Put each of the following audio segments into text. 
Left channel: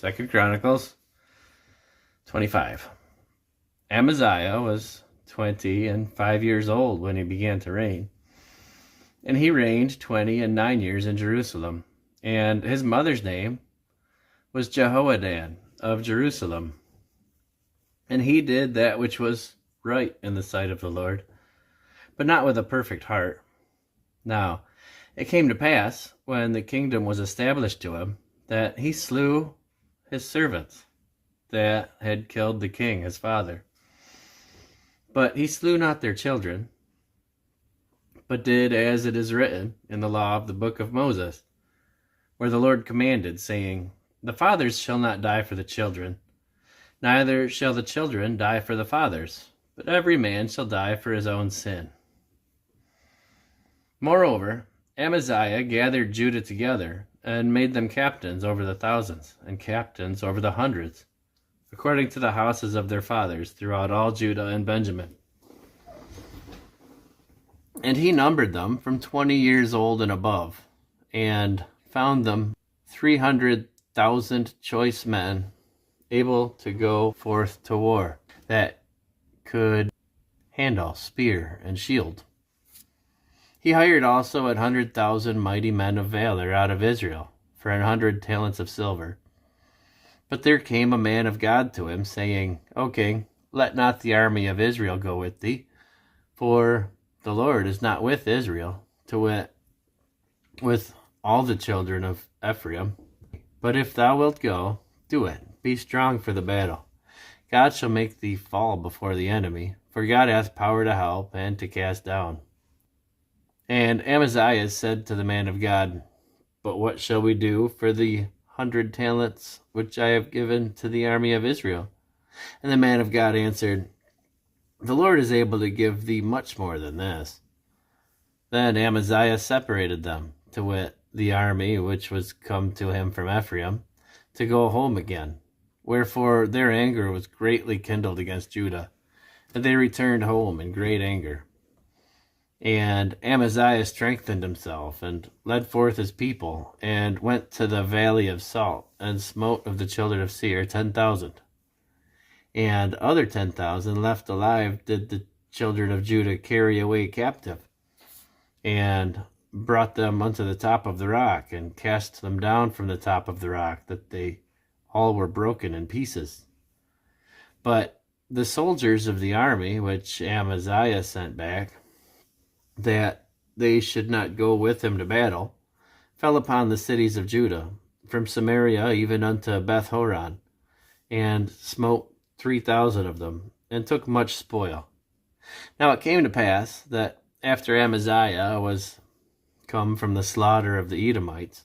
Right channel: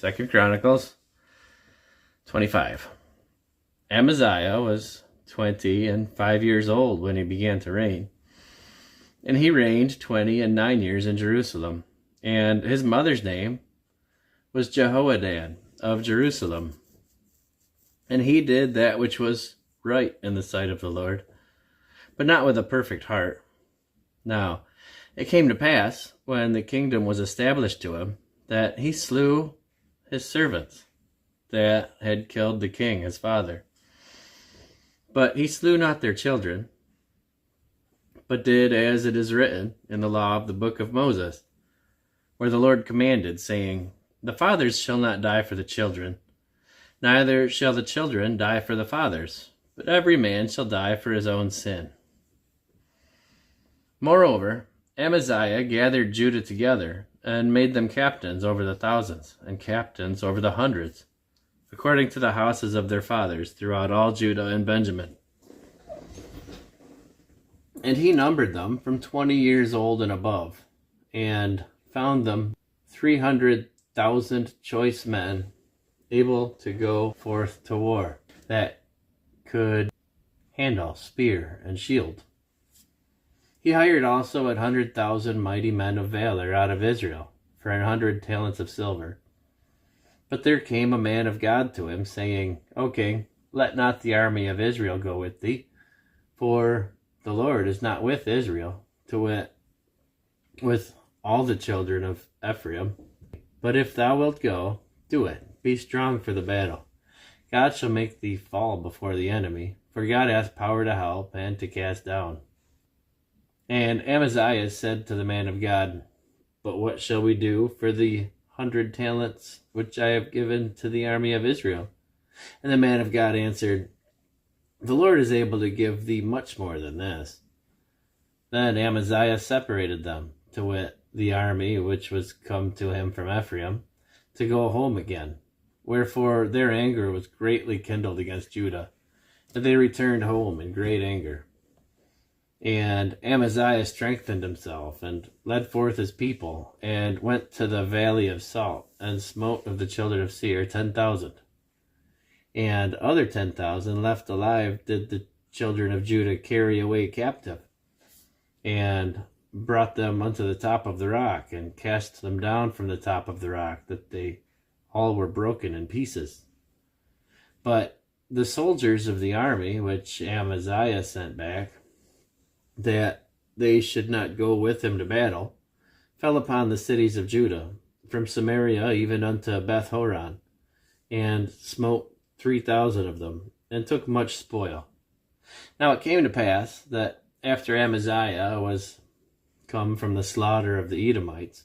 2 Chronicles 25. Amaziah was 25 years old when he began to reign, and he reigned 29 years in Jerusalem. And his mother's name was Jehoadan of Jerusalem. And he did that which was right in the sight of the Lord, but not with a perfect heart. Now, it came to pass, when the kingdom was established to him, that he slew his servants that had killed the king, his father. But he slew not their children, but did as it is written in the law of the book of Moses, where the Lord commanded, saying, The fathers shall not die for the children, neither shall the children die for the fathers, but every man shall die for his own sin. Moreover, Amaziah gathered Judah together, and made them captains over the thousands, and captains over the hundreds, according to the houses of their fathers, throughout all Judah and Benjamin. And he numbered them from 20 years old and above, and found them 300,000 choice men, able to go forth to war, that could handle spear and shield. He hired also 100,000 mighty men of valor out of Israel for 100 talents of silver. But there came a man of God to him, saying, O king, let not the army of Israel go with thee, for the Lord is not with Israel, to wit, with all the children of Ephraim. But if thou wilt go, do it. Be strong for the battle. God shall make thee fall before the enemy, for God hath power to help and to cast down. And Amaziah said to the man of God, But what shall we do for the 100 talents which I have given to the army of Israel? And the man of God answered, The Lord is able to give thee much more than this. Then Amaziah separated them, to wit, the army which was come to him from Ephraim, to go home again. Wherefore their anger was greatly kindled against Judah, and they returned home in great anger. And Amaziah strengthened himself, and led forth his people, and went to the valley of Salt, and smote of the children of Seir 10,000. And other 10,000 left alive did the children of Judah carry away captive, and brought them unto the top of the rock, and cast them down from the top of the rock, that they all were broken in pieces. But the soldiers of the army, which Amaziah sent back, that they should not go with him to battle, fell upon the cities of Judah, from Samaria even unto Beth-horon, and smote 3,000 of them, and took much spoil. Now it came to pass that after Amaziah was come from the slaughter of the Edomites,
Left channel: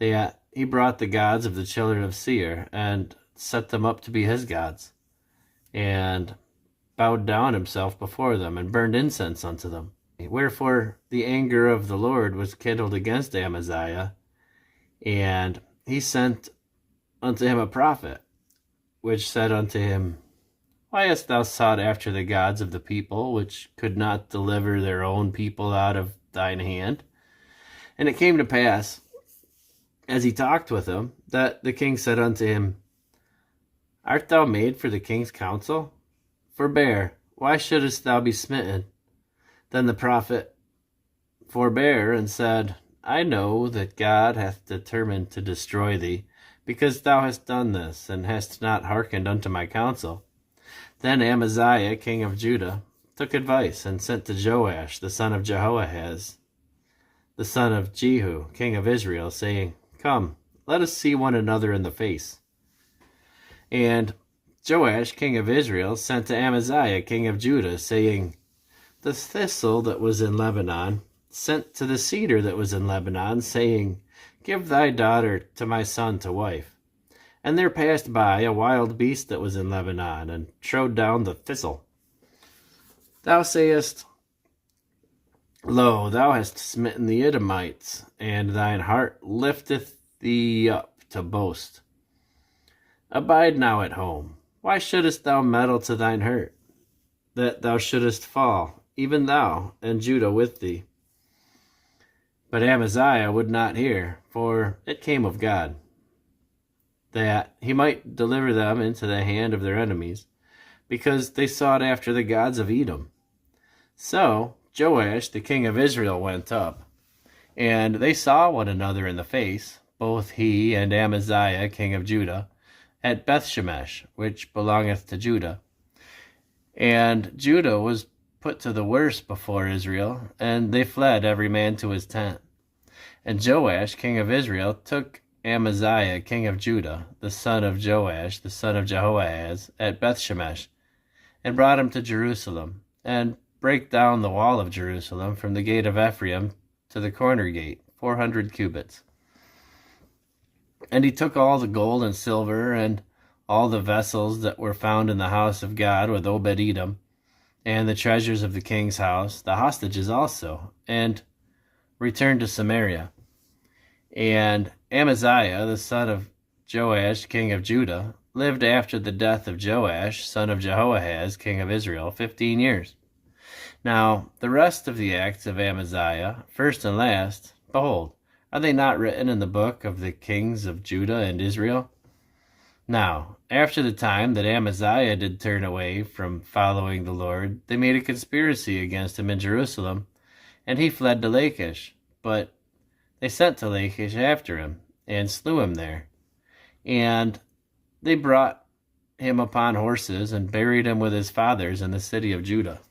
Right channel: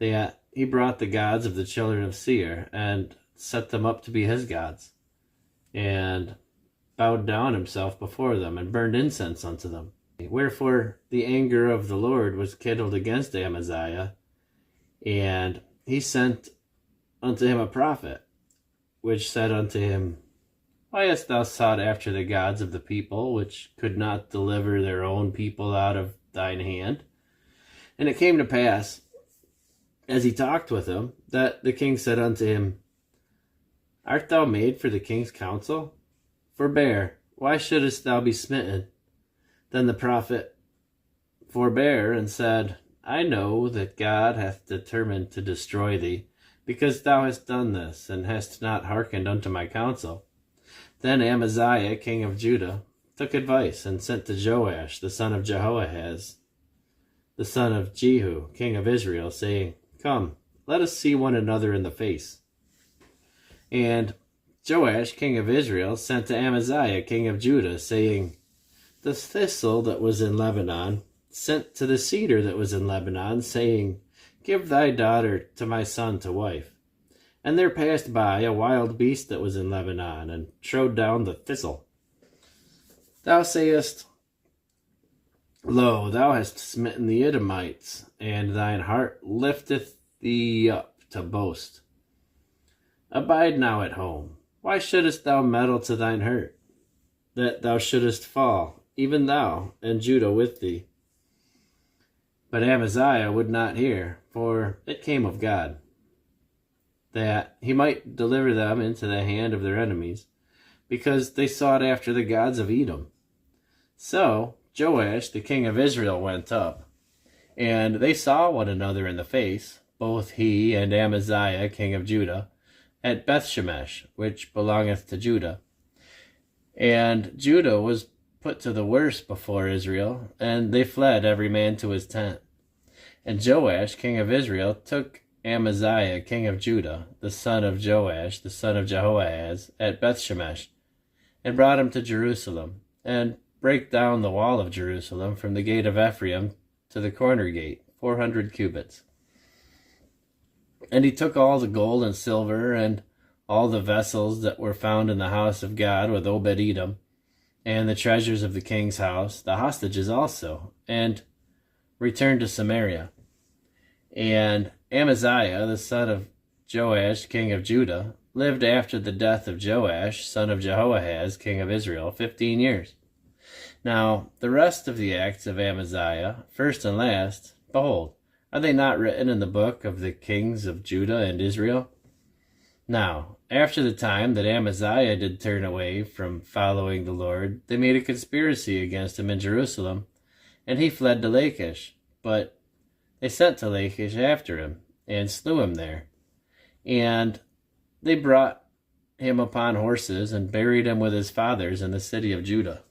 he brought the gods of the children of Seir, and set them up to be his gods, and bowed down himself before them, and burned incense unto them. Wherefore the anger of the Lord was kindled against Amaziah, and he sent unto him a prophet, which said unto him, Why hast thou sought after the gods of the people, which could not deliver their own people out of thine hand? And it came to pass, as he talked with him, that the king said unto him, Art thou made for the king's counsel? Forbear, why shouldest thou be smitten? Then the prophet forbare, and said, I know that God hath determined to destroy thee, because thou hast done this, and hast not hearkened unto my counsel. Then Amaziah, king of Judah, took advice, and sent to Joash, the son of Jehoahaz, the son of Jehu, king of Israel, saying, Come, let us see one another in the face. And Joash, king of Israel, sent to Amaziah, king of Judah, saying, The thistle that was in Lebanon sent to the cedar that was in Lebanon, saying, Give thy daughter to my son to wife. And there passed by a wild beast that was in Lebanon, and trode down the thistle. Thou sayest, Lo, thou hast smitten the Edomites, and thine heart lifteth thee up to boast. Abide now at home. Why shouldest thou meddle to thine hurt, that thou shouldest fall, even thou, and Judah with thee? But Amaziah would not hear, for it came of God. that he might deliver them into the hand of their enemies, because they sought after the gods of Edom. So Joash, the king of Israel, went up, and they saw one another in the face, both he and Amaziah, king of Judah, at Bethshemesh, which belongeth to Judah. And Judah was put to the worse before Israel, and they fled every man to his tent. And Joash, king of Israel, took Amaziah, king of Judah, the son of Joash, the son of Jehoahaz, at Bethshemesh, and brought him to Jerusalem, and brake down the wall of Jerusalem from the gate of Ephraim to the corner gate, 400 cubits. And he took all the gold and silver, and all the vessels that were found in the house of God with Obed-Edom, and the treasures of the king's house, the hostages also, and returned to Samaria. And Amaziah, the son of Joash, king of Judah, lived after the death of Joash, son of Jehoahaz, king of Israel, 15 years. Now, the rest of the acts of Amaziah, first and last, behold, are they not written in the book of the kings of Judah and Israel? Now, after the time that Amaziah did turn away from following the Lord, they made a conspiracy against him in Jerusalem, and he fled to Lachish. But they sent to Lachish after him, and slew him there. And they brought him upon horses, and buried him with his fathers in the city of Judah.